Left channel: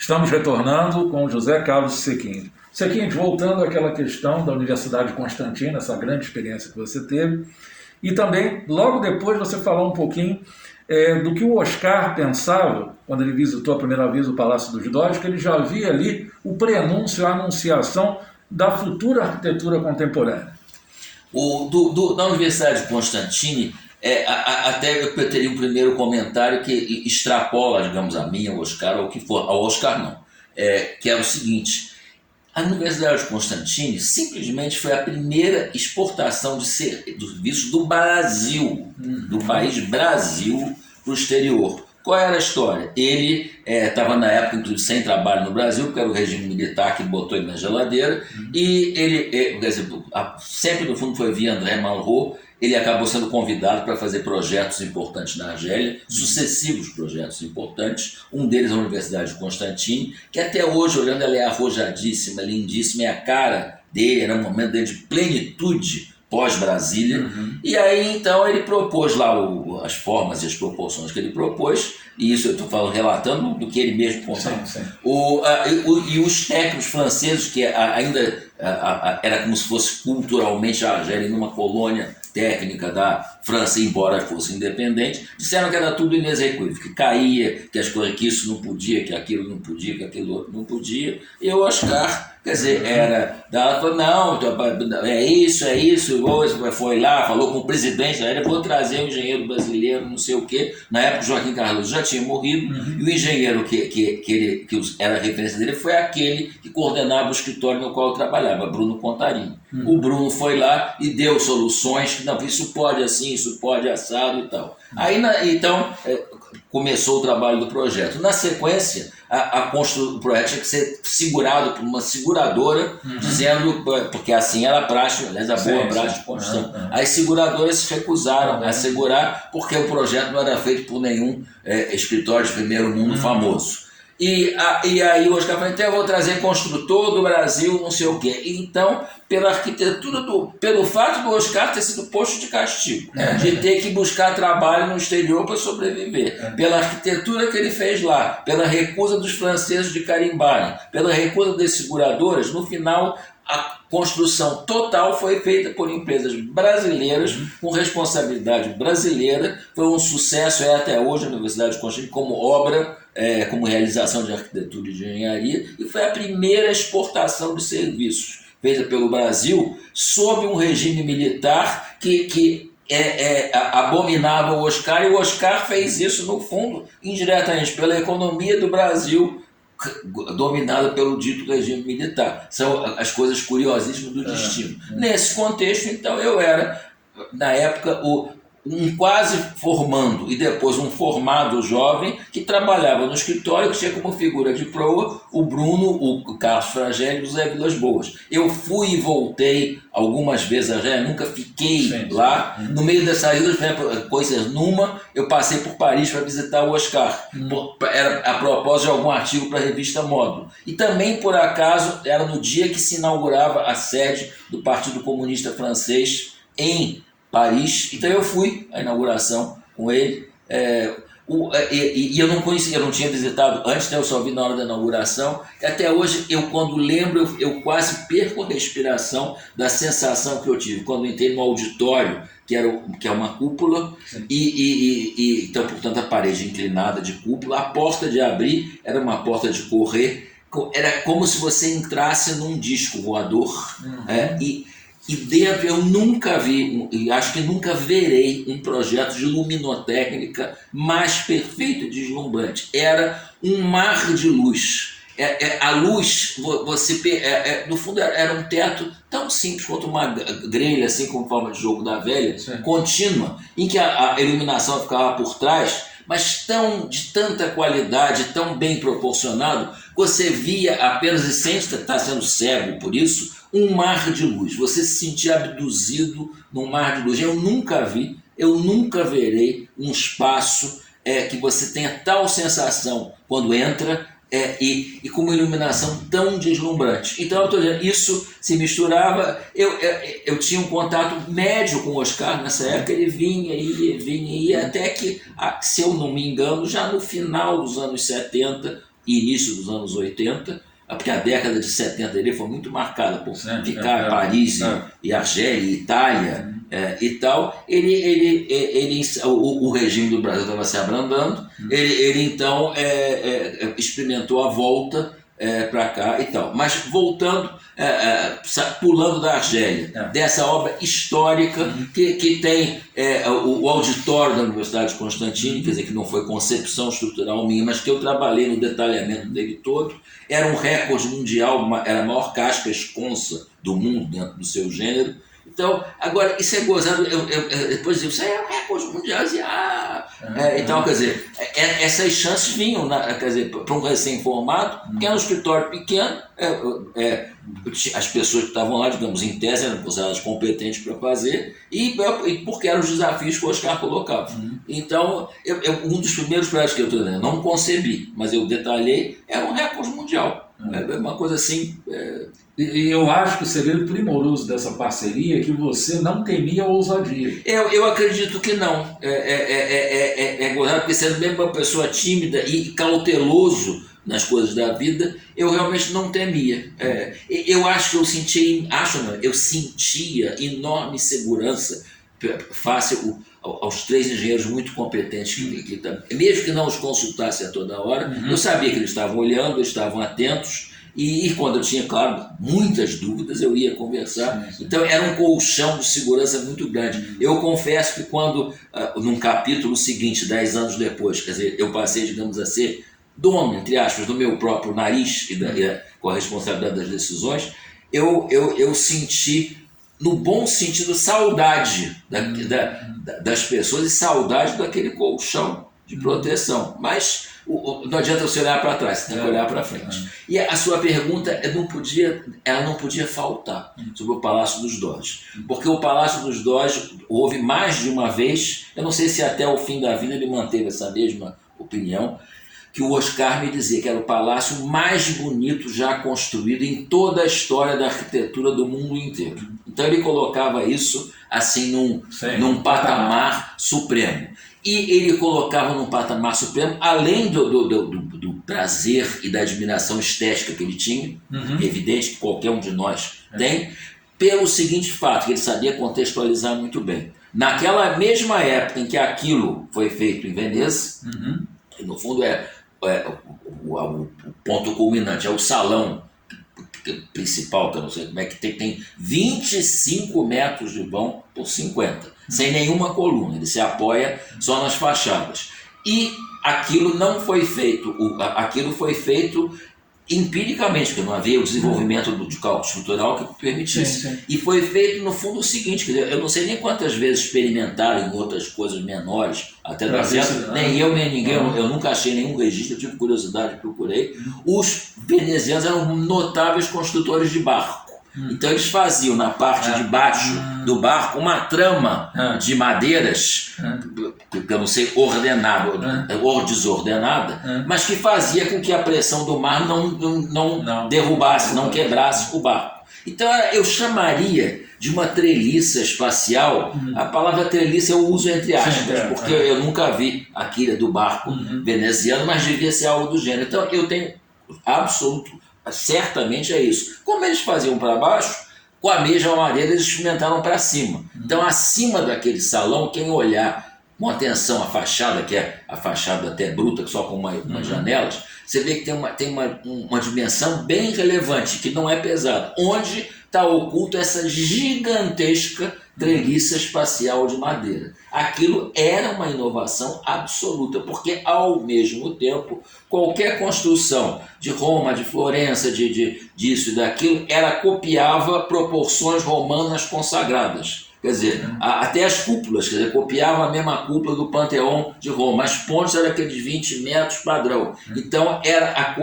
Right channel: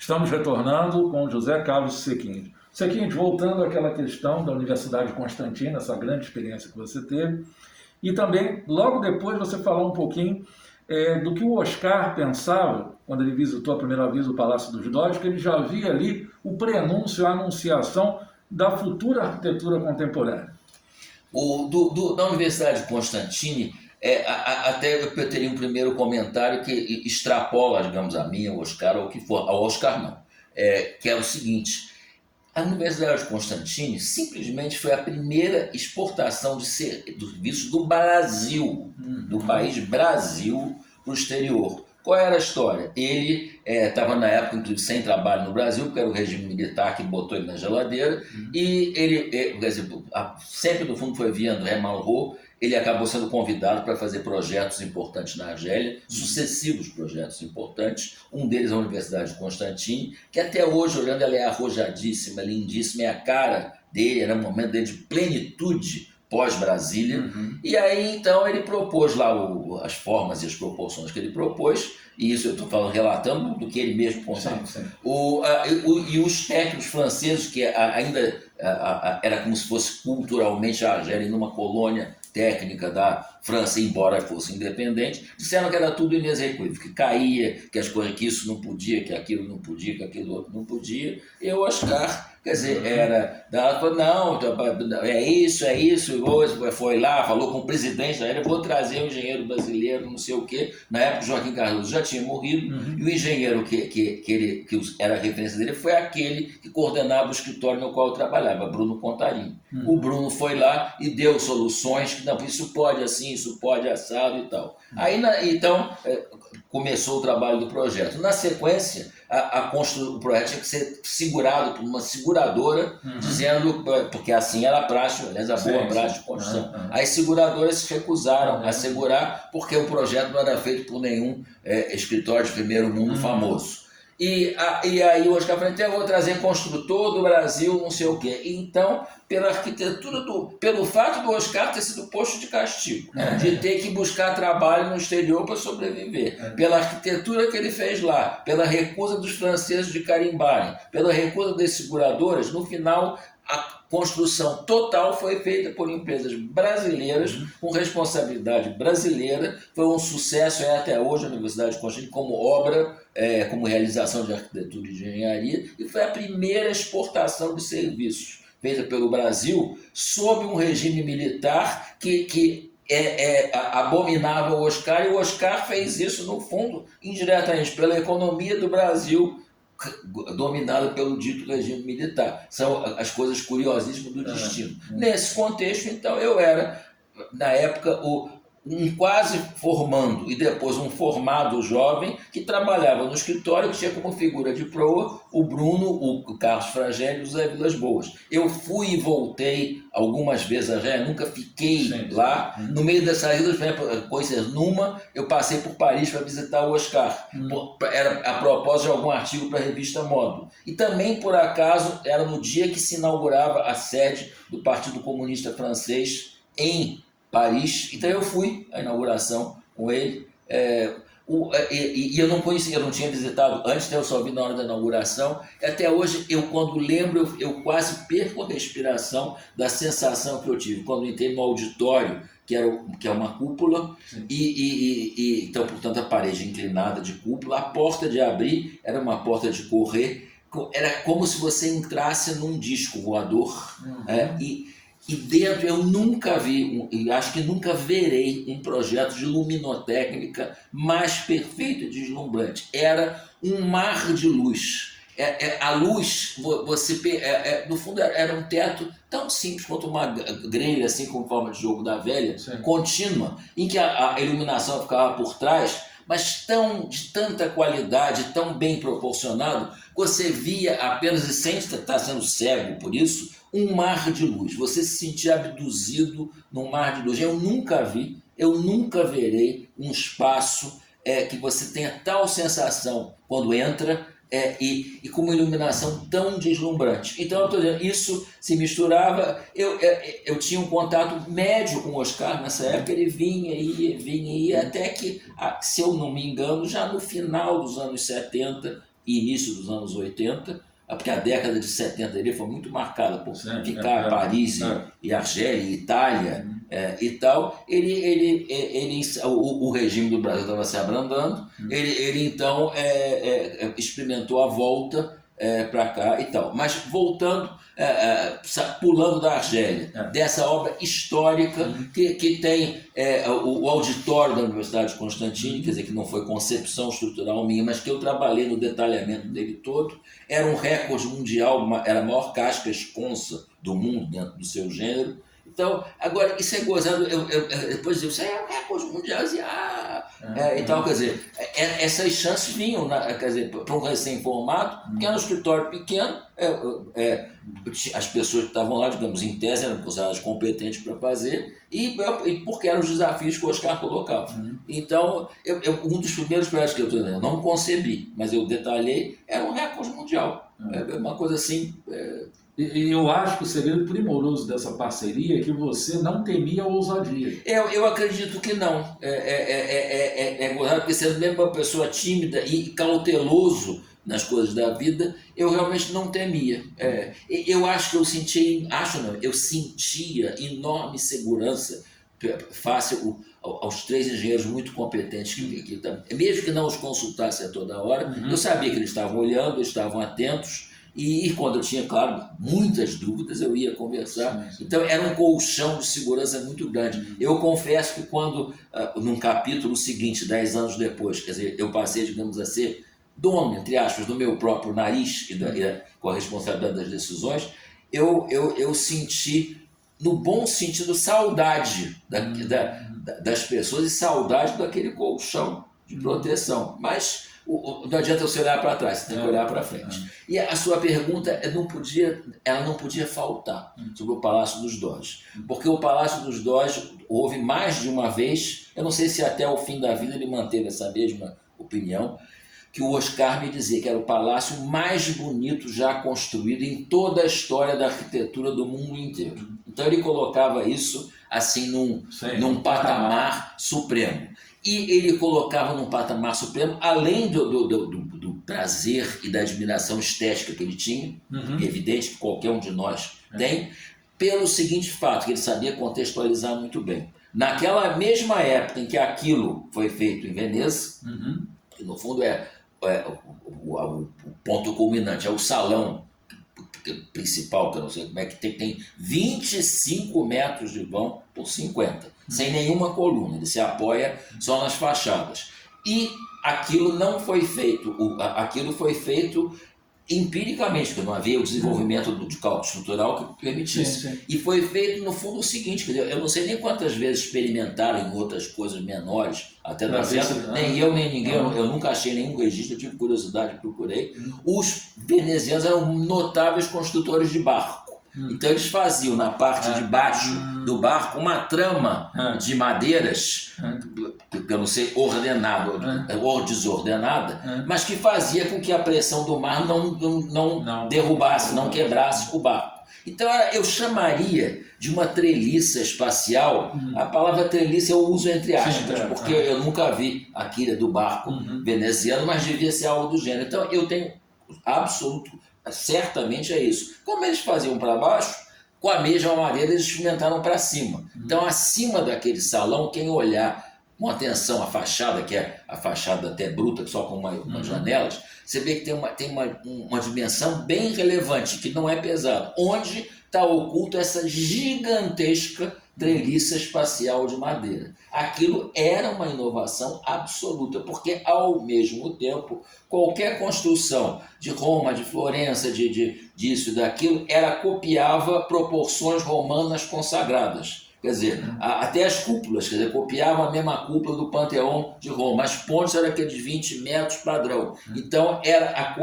Estamos retornando com José Carlos Sequim. Sequim, voltando àquela questão da Universidade de Constantina, essa grande experiência que você teve, e também, logo depois, você falou um pouquinho do que o Oscar pensava, quando ele visitou a primeira vez o Palácio dos Dórios, que ele já via ali o prenúncio, a anunciação da futura arquitetura contemporânea. Na Universidade de Constantine, até eu teria um primeiro comentário que extrapola, digamos, a minha, o Oscar, ou o que for. Ao Oscar não, que é o seguinte: a Universidade de Constantine simplesmente foi a primeira exportação de serviços do Brasil, do país Brasil, para o exterior. Qual era a história? Ele estava na época, inclusive, sem trabalho no Brasil, porque era o regime militar que botou ele na geladeira, e ele, quer dizer, sempre no fundo foi via André Malraux. Ele acabou sendo convidado para fazer projetos importantes na Argélia, sucessivos projetos importantes. Um deles é a Universidade de Constantine, que até hoje, olhando, ela é arrojadíssima, lindíssima, é a cara dele, era um momento dele de plenitude pós-Brasília. E aí, então, ele propôs lá as formas e as proporções que ele propôs, e isso eu estou relatando do que ele mesmo contava. E os técnicos franceses, que ainda era como se fosse culturalmente a Argélia numa colônia técnica da França, embora fosse independente, disseram que era tudo inexequível, que caía, que as coisas, que isso não podia, que aquilo não podia, que aquilo outro não podia. E o Oscar, quer dizer, falou, não, é isso, foi lá, falou com o presidente, aí vou trazer um engenheiro brasileiro, não sei o quê. Na época, Joaquim Cardoso já tinha morrido, e o engenheiro que era a referência dele foi aquele que coordenava o escritório no qual eu trabalhava, Bruno Contarini. O Bruno foi lá e deu soluções, não, isso pode assim, isso pode assado e tal. Aí, então, começou o trabalho do projeto. Na sequência, o projeto tinha que ser segurado por uma seguradora, dizendo, porque assim era a praxe, aliás, a boa praxe de construção. As seguradoras se recusaram a segurar, porque o projeto não era feito por nenhum escritório de primeiro mundo famoso. E aí o Oscar falou, então eu vou trazer construtor do Brasil, não sei o quê. Então, pela arquitetura, pelo fato do Oscar ter sido posto de castigo, de ter que buscar trabalho no exterior para sobreviver, pela arquitetura que ele fez lá, pela recusa dos franceses de carimbarem, pela recusa das seguradoras, no final a construção total foi feita por empresas brasileiras, com responsabilidade brasileira. Foi um sucesso, até hoje, a Universidade de Constantine, como obra, como realização de arquitetura e de engenharia, e foi a primeira exportação de serviços feita pelo Brasil sob um regime militar que abominava o Oscar, e o Oscar fez isso, no fundo, indiretamente, pela economia do Brasil, dominada pelo dito regime militar. São as coisas curiosíssimas do destino. Nesse contexto, então, eu era, na época, um quase formando e depois um formado jovem que trabalhava no escritório, que tinha como figura de proa o Bruno, o Carlos Fragel e o Zé Vilas Boas. Eu fui e voltei algumas vezes a Argélia, nunca fiquei lá. No meio dessas coisas, eu passei por Paris para visitar o Oscar, era a propósito de algum artigo para a revista Módulo. E também, por acaso, era no dia que se inaugurava a sede do Partido Comunista Francês em Paris. Então eu fui à inauguração com ele, e eu não conhecia, eu não tinha visitado antes, eu só vi na hora da inauguração. Até hoje, quando lembro, eu quase perco a respiração da sensação que eu tive quando entrei no auditório, que é uma cúpula, então, portanto, a parede inclinada de cúpula, a porta de abrir era uma porta de correr, era como se você entrasse num disco voador, e dentro eu nunca vi, e acho que nunca verei, um projeto de luminotécnica mais perfeito e deslumbrante. Era um mar de luz. A luz, no fundo, era um teto tão simples quanto uma grelha, assim, com forma de jogo da velha, contínua, em que a iluminação ficava por trás, mas de tanta qualidade, tão bem proporcionado, você via apenas, e sem estar sendo cego por isso, um mar de luz. Você se sentia abduzido num mar de luz. Eu nunca verei um espaço que você tenha tal sensação quando entra, e com uma iluminação tão deslumbrante. Então, eu estou dizendo, isso se misturava. Eu tinha um contato médio com o Oscar nessa época, ele vinha e ia, até que, se eu não me engano, já no final dos anos 70, e início dos anos 80, porque a década de 70 dele foi muito marcada por ficar em Paris e Argélia, e Itália e tal. O regime do Brasil estava se abrandando, ele então experimentou a volta para cá e tal. Mas voltando, pulando da Argélia, dessa obra histórica que tem o auditório da Universidade de Constantine, quer dizer, que não foi concepção estrutural minha, mas que eu trabalhei no detalhamento dele todo. Era um recorde mundial, era a maior casca esconsa do mundo dentro do seu gênero. Então, agora, isso é gozado, depois eu digo, isso aí é um recorde mundial, e tal, quer dizer, essas chances vinham, quer dizer, para um recém-formado, que era um escritório pequeno, as pessoas que estavam lá, digamos, em tese, eram consideradas competentes para fazer, e porque eram os desafios que o Oscar colocava. Então, um dos primeiros projetos que eu não concebi, mas eu detalhei, era um recorde mundial. É uma coisa assim... E eu acho que o segredo primoroso dessa parceria é que você não temia a ousadia. Eu acredito que não. Porque sendo mesmo uma pessoa tímida e cauteloso nas coisas da vida, eu realmente não temia. Eu acho que eu sentia enorme segurança face aos 3 engenheiros muito competentes que mesmo que não os consultasse a toda hora, eu sabia que eles estavam olhando, eles estavam atentos. E quando eu tinha, claro, muitas dúvidas, eu ia conversar. Então era um colchão de segurança muito grande. Eu confesso que quando, num capítulo seguinte, 10 anos depois, quer dizer, eu passei, digamos a ser dono, entre aspas, do meu próprio nariz com a responsabilidade das decisões, eu senti, no bom sentido, saudade das pessoas e saudade daquele colchão de proteção. Mas não adianta você olhar para trás, você tem que olhar para frente. E a sua pergunta ela não podia faltar sobre o Palácio dos Doges. Porque o Palácio dos Doges houve mais de uma vez, eu não sei se até o fim da vida ele manteve essa mesma opinião, que o Oscar me dizia que era o palácio mais bonito já construído em toda a história da arquitetura do mundo inteiro. Então ele colocava isso assim num patamar supremo. E ele colocava num patamar supremo, além do prazer e da admiração estética que ele tinha, evidente que qualquer um de nós tem, pelo seguinte fato, que ele sabia contextualizar muito bem. Naquela mesma época em que aquilo foi feito em Veneza, que no fundo o ponto culminante, é o salão principal, que eu não sei como é que tem 25 metros de vão por 50, sem nenhuma coluna, ele se apoia só nas fachadas. E aquilo não foi feito, aquilo foi feito empiricamente, porque não havia o desenvolvimento de cálculo estrutural que permitisse. Sim. E foi feito, no fundo, o seguinte, quer dizer, eu não sei nem quantas vezes experimentaram em outras coisas menores, até dar certo, nem eu, nem ninguém, eu nunca achei nenhum registro, eu tive curiosidade, procurei. Os venezianos eram notáveis construtores de barco. Então eles faziam na parte de baixo do barco uma trama de madeiras, que eu não sei, ordenada ou desordenada, mas que fazia com que a pressão do mar não derrubasse, não quebrasse o barco. Então eu chamaria de uma treliça espacial. A palavra treliça eu uso entre aspas, porque eu nunca vi a quilha do barco veneziano, mas devia ser algo do gênero. Então eu tenho absoluto, certamente é isso. Como eles faziam para baixo, com a mesma madeira eles experimentaram para cima. Então acima daquele salão, quem olhar com atenção a fachada, que é a fachada até bruta, só com umas janelas, você vê que tem uma dimensão bem relevante, que não é pesada, onde está oculta essa gigantesca treliça espacial de madeira. Aquilo era uma inovação absoluta, porque ao mesmo tempo, qualquer construção de Roma, de Florença, disso e daquilo, ela copiava proporções romanas consagradas. Quer dizer, até as cúpulas, quer dizer, copiavam a mesma cúpula do Panteão de Roma. As pontes eram aqueles 20 metros padrão. Então, era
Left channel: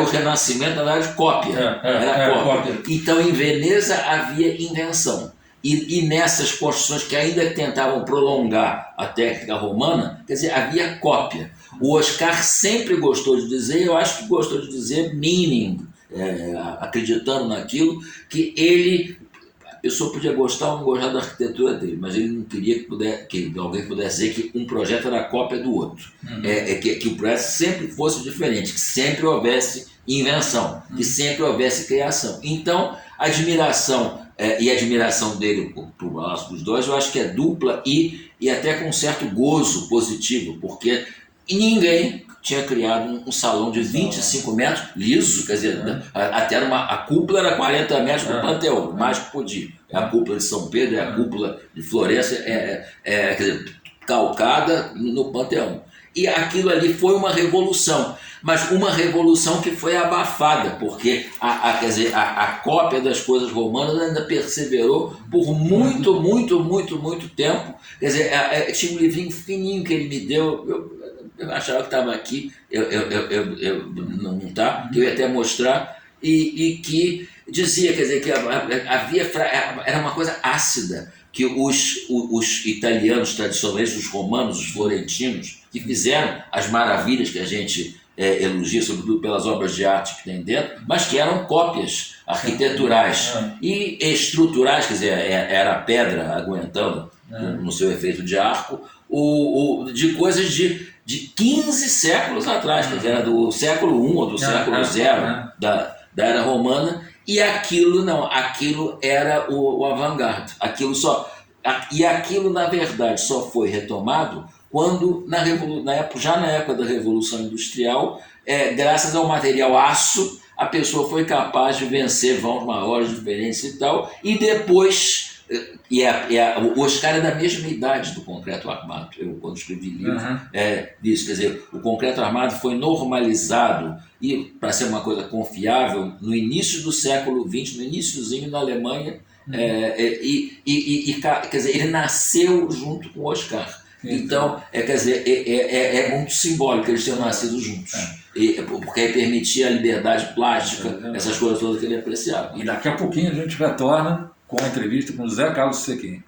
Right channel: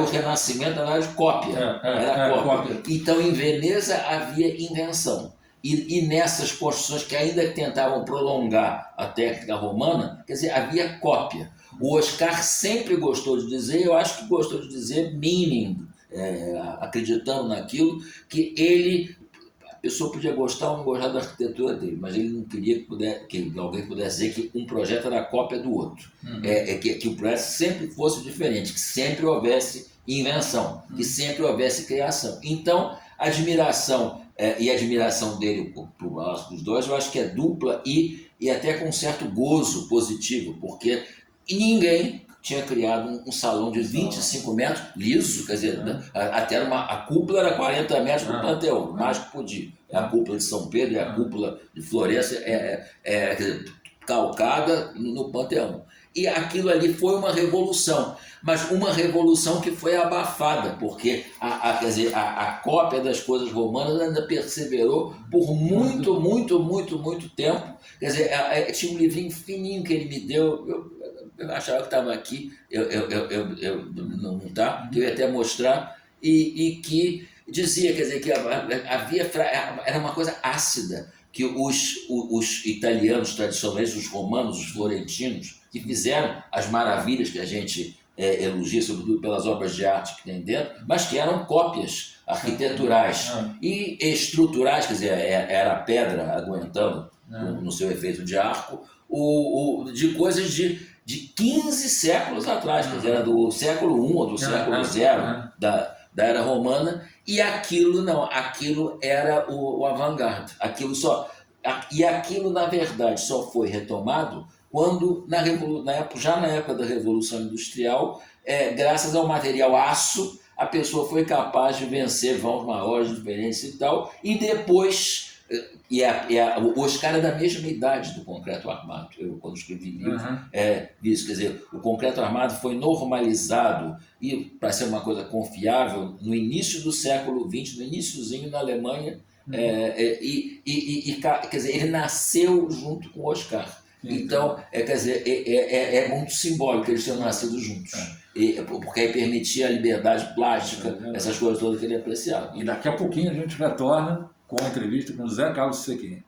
o Renascimento, na verdade, cópia. Era cópia. Então, em Veneza havia invenção. E nessas construções que ainda tentavam prolongar a técnica romana, quer dizer, havia cópia. O Oscar sempre gostou de dizer, eu acho que gostou de dizer meaning, acreditando naquilo, que ele pessoa podia gostar ou não gostar da arquitetura dele, mas ele não queria que alguém pudesse dizer que um projeto era cópia do outro. Que o projeto sempre fosse diferente, que sempre houvesse invenção, que sempre houvesse criação. Então, a admiração e a admiração dele para os dois, eu acho que é dupla e até com um certo gozo positivo, porque ninguém tinha criado um salão de 25 metros liso, quer dizer, até a cúpula era 40 metros do Panteão, mais que podia. A cúpula de São Pedro, a cúpula de Florença, quer dizer, calcada no Panteão. E aquilo ali foi uma revolução, mas uma revolução que foi abafada, porque quer dizer, a cópia das coisas romanas ainda perseverou por muito tempo. Quer dizer, tinha um livrinho fininho que ele me deu, eu achava que estava aqui, não está, que eu ia até mostrar, e que dizia, quer dizer, que era uma coisa ácida, que os italianos tradicionais, os romanos, os florentinos, que fizeram as maravilhas que a gente elogia, sobretudo pelas obras de arte que tem dentro, mas que eram cópias arquiteturais e estruturais, quer dizer, era a pedra aguentando no seu efeito de arco, de coisas de 15 séculos atrás, quer dizer, era do século I ou do século zero da era romana, e aquilo não, aquilo era o avant-garde, e aquilo na verdade só foi retomado quando já na época da Revolução Industrial, graças ao material aço, a pessoa foi capaz de vencer vãos maiores, diferentes e tal, e depois o Oscar é da mesma idade do concreto armado. Eu, quando escrevi livro, isso, quer dizer, o concreto armado foi normalizado e para ser uma coisa confiável no início do século XX, no iníciozinho na Alemanha, quer dizer, ele nasceu junto com o Oscar. Então, quer dizer, é muito simbólico eles terem nascido juntos. Porque aí permitia a liberdade plástica, essas coisas todas que ele apreciava. E daqui a pouquinho a gente retorna com a entrevista com o José Carlos Sequin.